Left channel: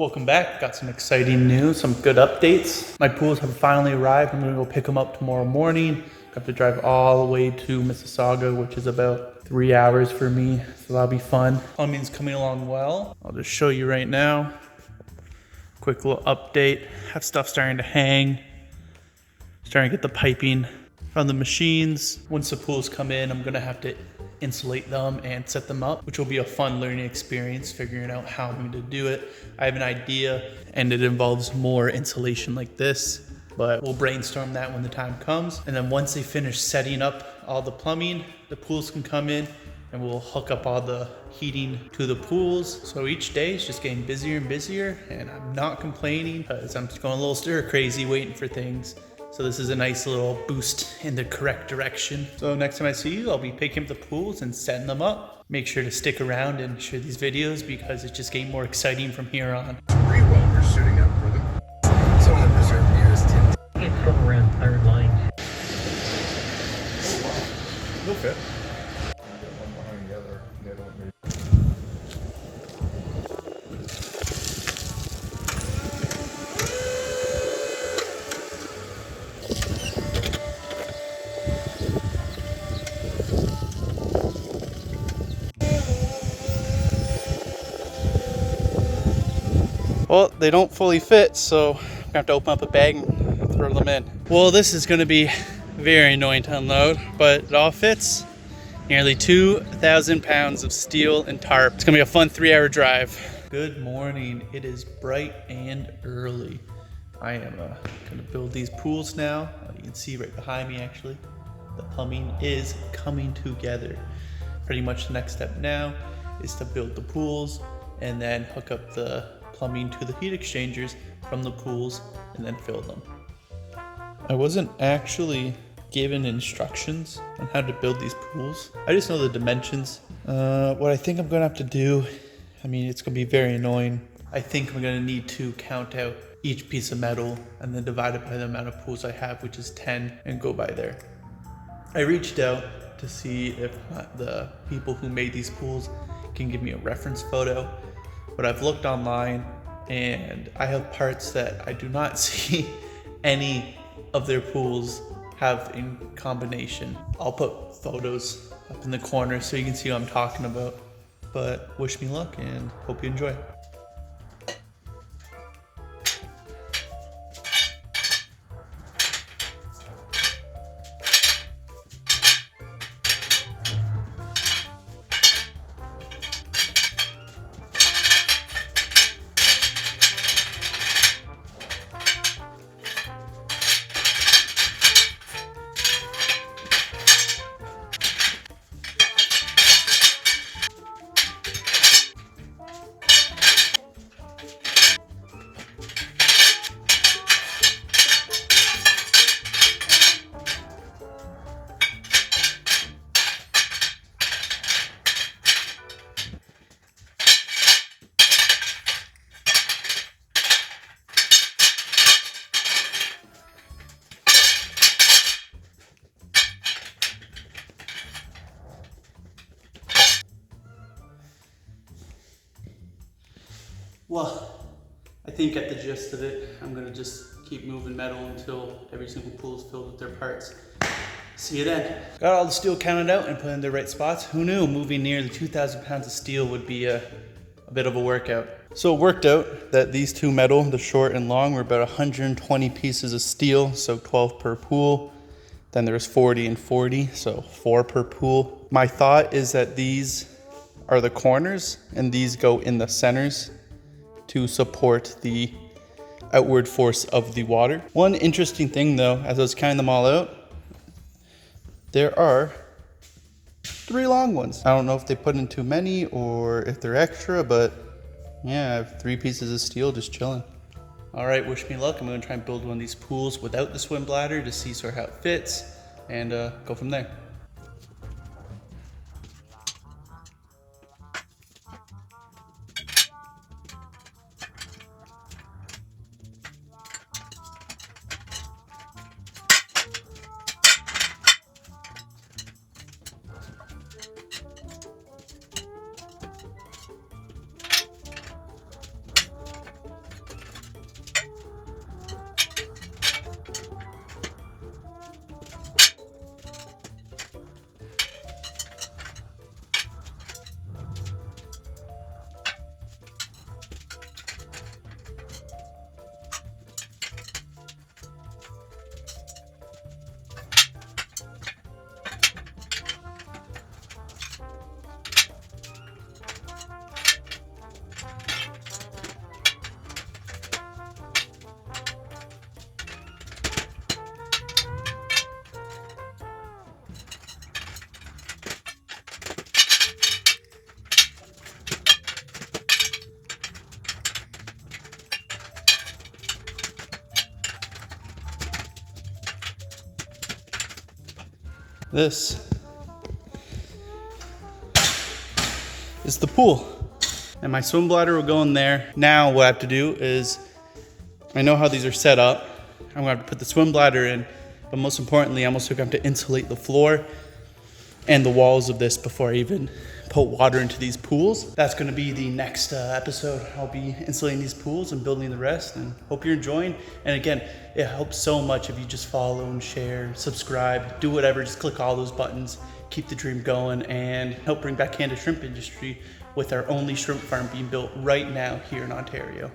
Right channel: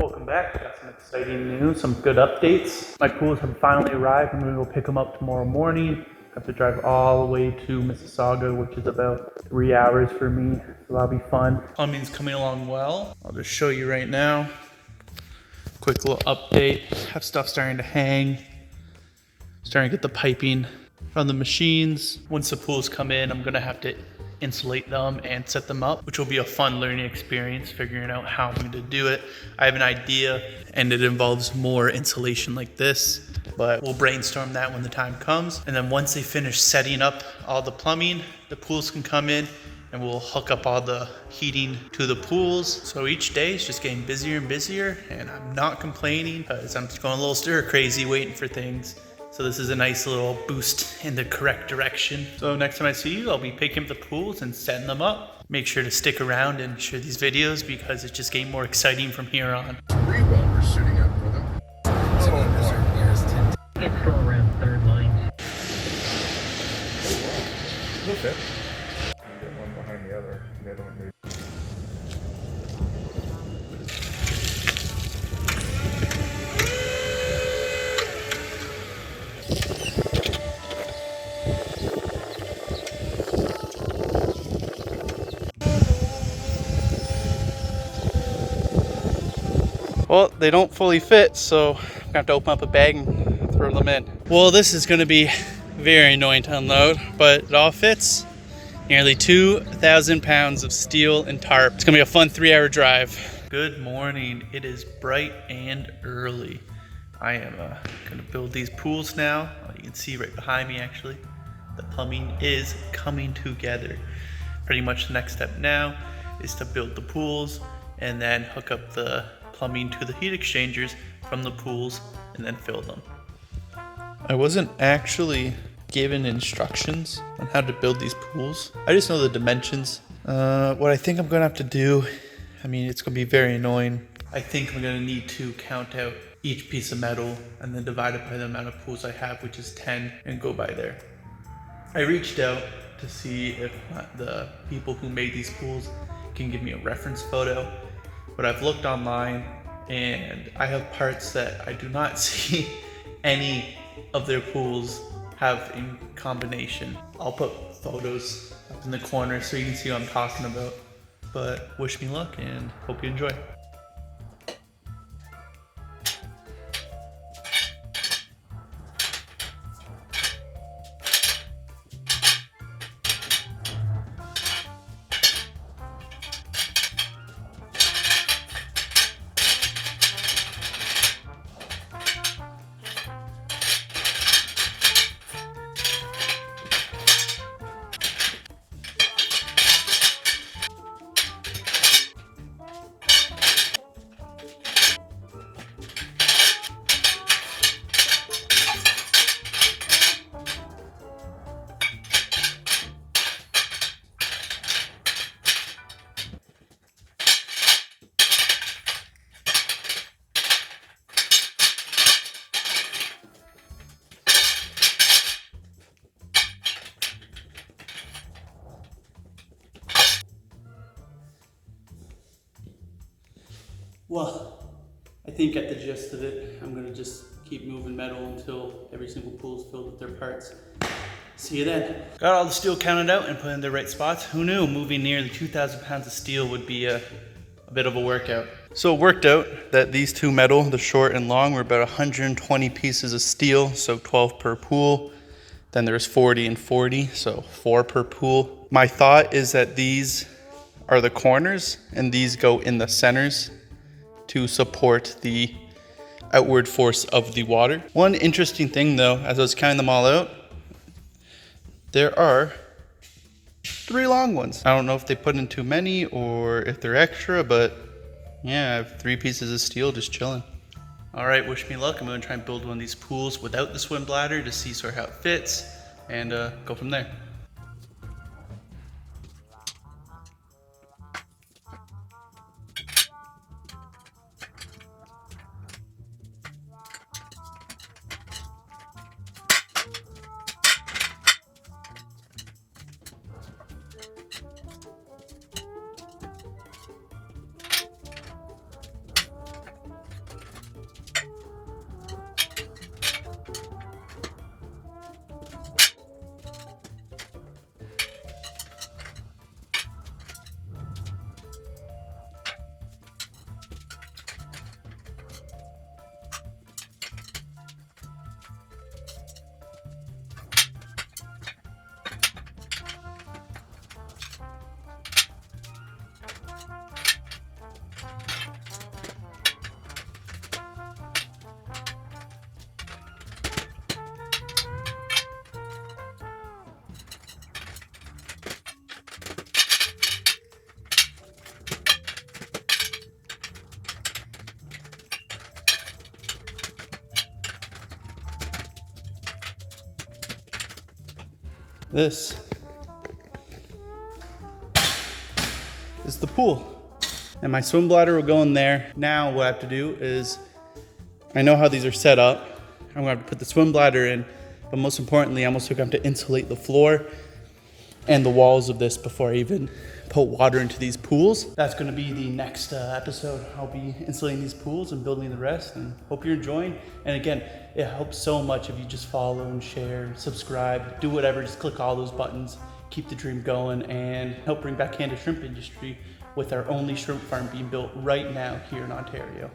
Welcome back. Got some exciting news, some good updates. My pools have finally arrived. I'm gonna go pick them up tomorrow morning. I have to drive all the way to Mississauga, which is about 3 hours for me, so that'll be fun. Plumbing's coming along well. I'll just show you right now. Quick little update. Have stuff starting to hang. Starting to get the piping from the machines. Once the pools come in, I'm gonna have to insulate them and set them up, which will be a fun learning experience, figuring out how I'm going to do it. I have an idea and it involves more insulation like this, but we'll brainstorm that when the time comes. And then once they finish setting up all the plumbing, the pools can come in and we'll hook up all the heating to the pools. So each day is just getting busier and busier, and I'm not complaining because I'm just going a little stir crazy waiting for things. So this is a nice little boost in the correct direction. So next time I see you, I'll be picking up the pools and setting them up. Make sure to stick around and share these videos because it's just getting more exciting from here on. Pretty well, we're shooting out for them. So I'm reserved nearest tent. It's from around third line. Okay. One behind the other. The other one maybe. Well, they don't fully fit, so I'm gonna have to open up a bag and throw them in. Well, this is gonna be very annoying to unload, but it all fits. Nearly 2,000 pounds of steel and tarp. It's gonna be a fun 3-hour drive. Good morning. It is bright and early. I am gonna build these pools now. You can see right behind me, actually. The plumbing is coming together. Pretty much the next step now is to build the pools and then hook up the plumbing to the heat exchangers from the pools and then fill them. I wasn't actually given instructions on how to build these pools. I just know the dimensions. What I think I'm gonna have to do, I mean, it's gonna be very annoying. I think I'm gonna need to count out each piece of metal and then divide it by the amount of pools I have, which is 10, and go by there. I reached out to see if the people who made these pools can give me a reference photo. But I've looked online and I have parts that I do not see any of their pools have in combination. I'll put photos up in the corner so you can see what I'm talking about. But wish me luck and hope you enjoy. Well, I think at the gist of it, I'm gonna just keep moving metal until every single pool is filled with their parts. See you then. Got all the steel counted out and put in the right spots. Who knew moving nearly 2,000 pounds of steel would be a bit of a workout. So it worked out that these two metal, the short and long, were about 120 pieces of steel, so 12 per pool. Then there's 40 and 40, so 4 per pool. My thought is that these are the corners and these go in the centers to support the outward force of the water. One interesting thing though, as I was counting them all out, there are 3 long ones. I don't know if they put in too many or if they're extra, but yeah, I have 3 pieces of steel just chilling. All right, wish me luck. I'm gonna try and build one of these pools without the swim bladder to see sort of how it fits and go from there. This is the pool. And my swim bladder will go in there. Now what I have to do is, I know how these are set up. I'm gonna have to put the swim bladder in, but most importantly, I'm also going to have to insulate the floor and the walls of this before I even put water into these pools. That's gonna be the next episode. I'll be insulating these pools and building the rest, and hope you're enjoying. And again, it helps so much if you just follow and share, subscribe, do whatever, just click all those buttons, keep the dream going, and help bring back Canada's shrimp industry with our only shrimp farm being built right now here in Ontario.